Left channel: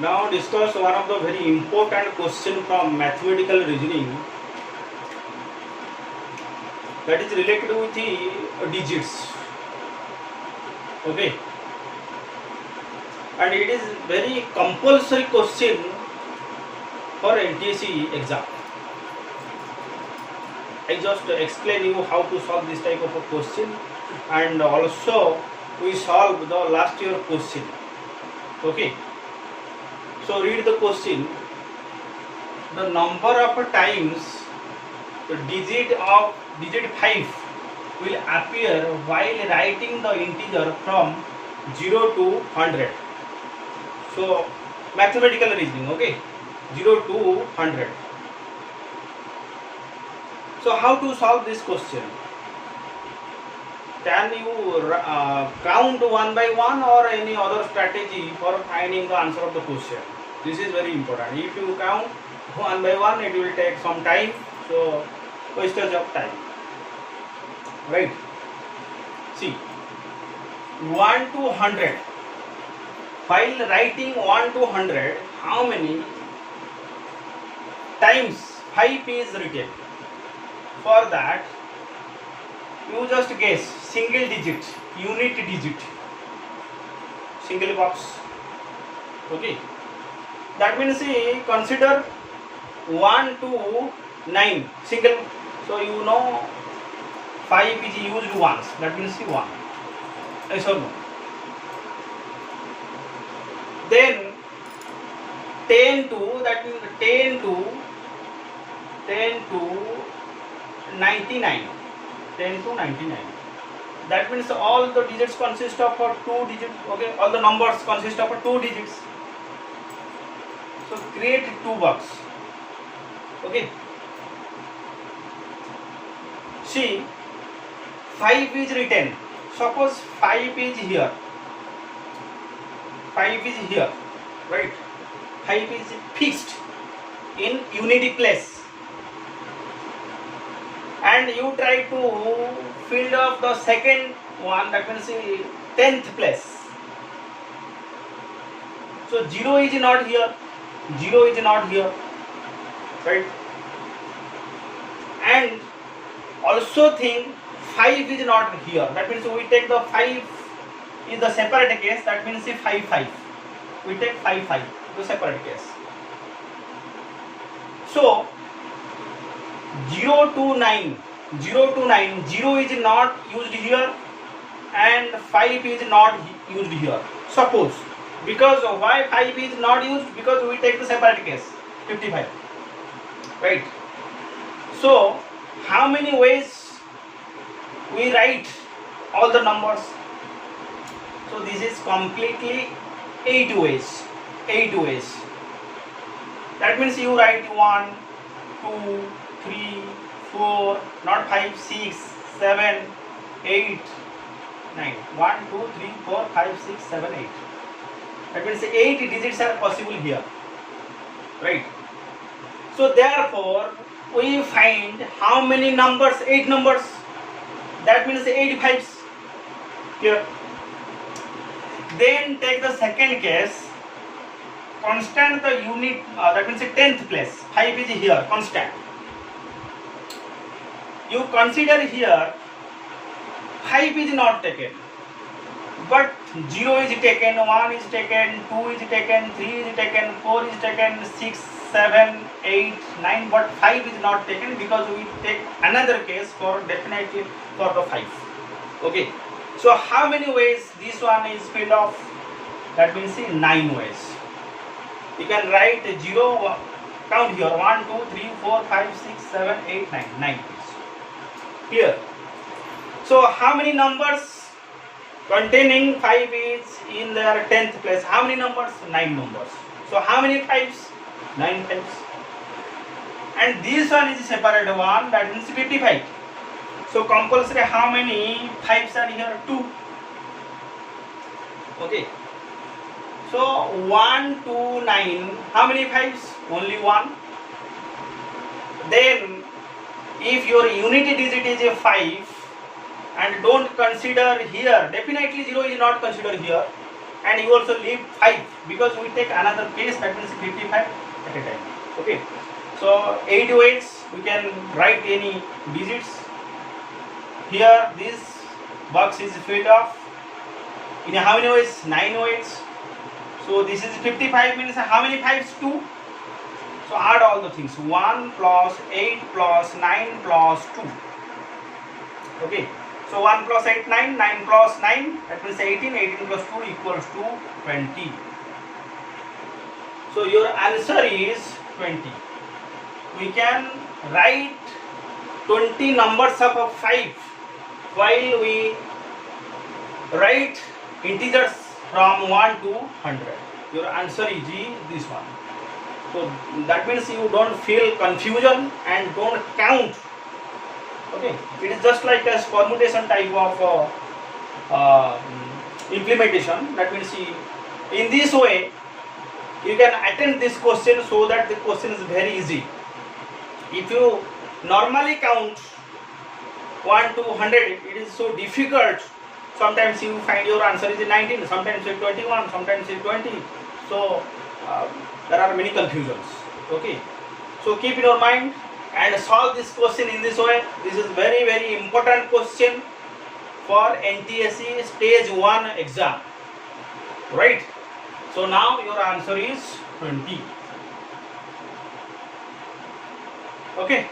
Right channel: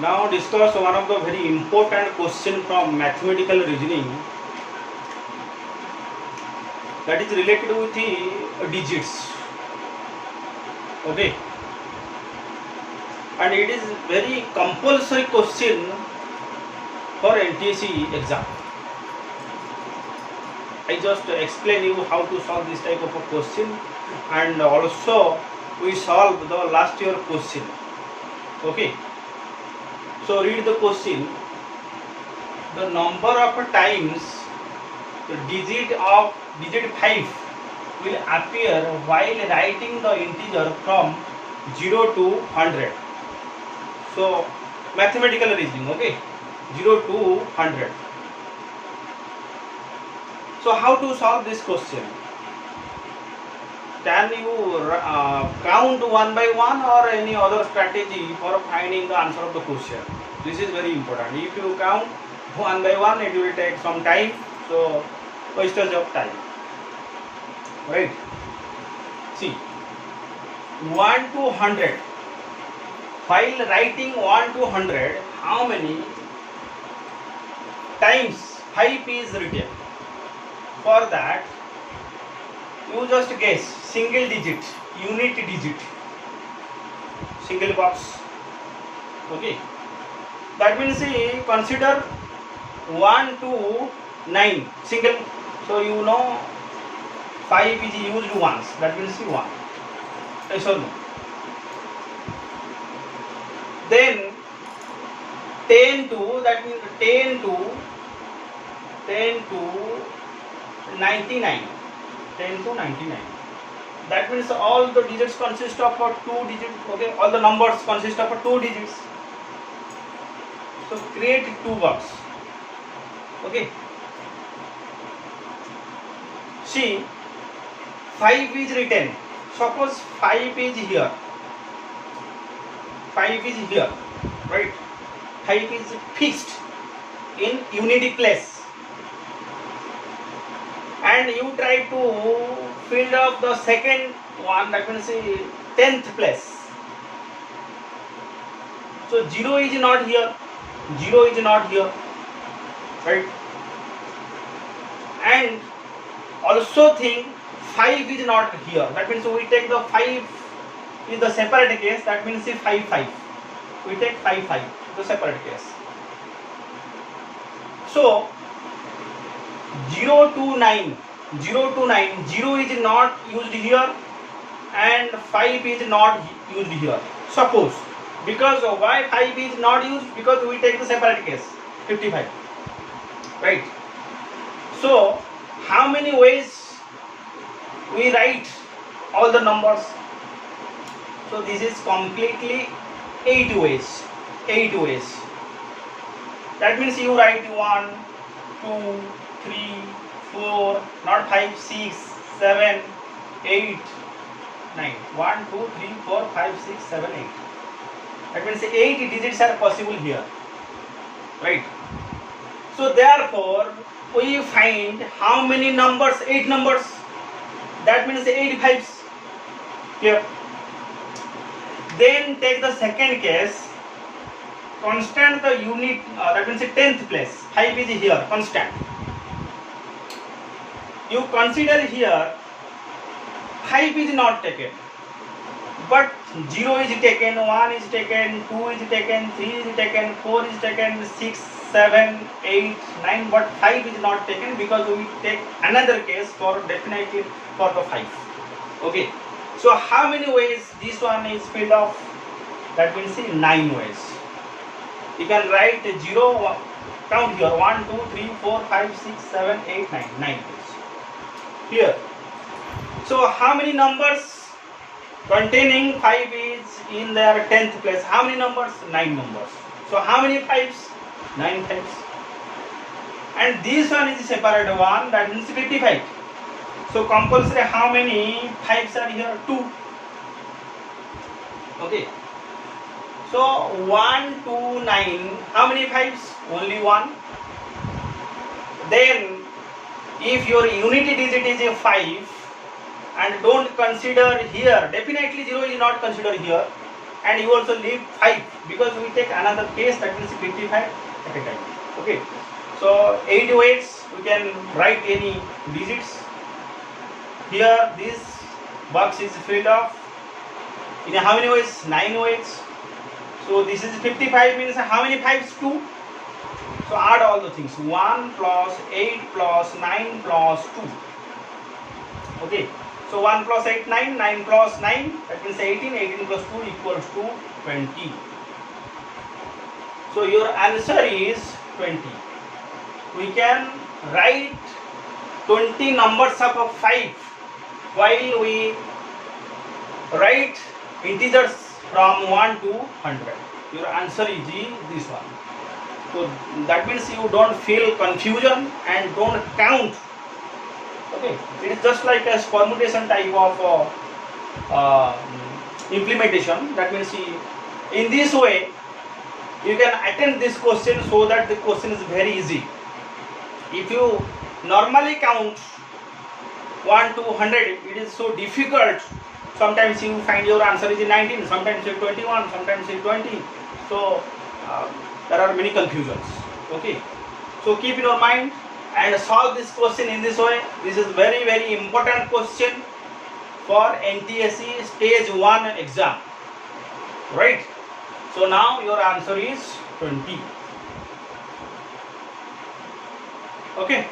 Now discuss one of the very important question from mathematical reasoning, that is related with the digits. Okay, and it is very compulsory question for NTSC exam. I just explain you how to solve this type of a question, and also we solve the last year question. Okay, so read the question. The number of times the digit 5 will appear while writing the integer from 0 to 100. So mathematical reasoning, okay, 0 to 100. So how to solve this question? Can you count one by one, or any other strategy for finding the answer of the question? This is very important. If you count one by one, it will take some time, so wastage of time, right? See, 1 to 100, while writing 1 to 100, how many times 5 is written? For that, you just guess single digit, unit digit, single box. Okay, that means consider 1 to 9 single. So you know 5 is used once, that means 1. Yes or no? Then 10 to, that means 10 to 99. 10 to 99. That means all the digits consist of 2 digits. Okay, all the numbers consist of 2 digits. So create 2 box. Okay. See, 5 is written. Suppose 5 is here. 5 is here, right? 5 is fixed in unity place. And you try to fill up the second one, that means 10th place. So 0 is not here, 0 is not here, right? And also think 5 is not here, that means we take the 5 in the separate case, that means 5 5. We take 5 5, the separate case. So 0 to 9, 0 is not used here, and 5 is not used here. Suppose, because why 5 is not used? Because we take the separate case, 55, right? So how many ways we write all the numbers? So this is completely 8 ways. 8 ways. That means you write 1, 2, 3, 4, not 5, 6, 7, 8, 9. 1, 2, 3, 4, 5, 6, 7, 8. That means 8 digits are possible here, right? So therefore, we find how many numbers? 8 numbers. That means 8 5s here. Then take the second case. Constant the unit, that means 10th place. 5 is here, constant. You consider here 5 is not taken, but 0 is taken, 1 is taken, 2 is taken, 3 is taken, 4 is taken, 6, 7, 8, 9, but 5 is not taken, because we take another case for definitely for the 5. Okay, so how many ways this one is filled off? That means 9 ways. You can write 0, count here, 1, 2, 3, 4, 5, 6, 7, 8, 9, 9 ways here. So how many numbers containing 5 is in their 10th place? How many numbers? 9 numbers. So how many 5s? 9 5s. And this one is a separate one, that means 55. So compulsory how many 5s are here? 2. Okay. So 1 to 9, how many 5s? Only 1. Then if your unity digit is a 5, and don't consider here, definitely 0 is not considered here. and you also leave 5 because we take another case, that means 55 at a time. Okay, so 8 ways we can write any digits. Here this box is filled up in how many ways? 9 ways. So this is 55 means how many 5s? 2. So add all the things, 1 plus 8 plus 9 plus 2. Okay, so 1 plus 8, 9, 9 plus 9, that means 18, 18 plus 2 equals to 20. So your answer is 20. We can write 20 numbers of 5 while we write integers from 1 to 100. Your answer is this one. So that means you don't feel confusion and don't count. Okay, it is just like a permutation type of implementation. That means in this way you can attempt this question so that the question is very easy. If you normally count 1 to 100, it is so difficult. Sometimes you find your answer is 19, sometimes 21, sometimes 20. So there are many confusions. Okay, so keep in your mind and solve this question in this way. This is very, very important question for NTSC stage 1 exam, right? So now your answer is 20. Okay.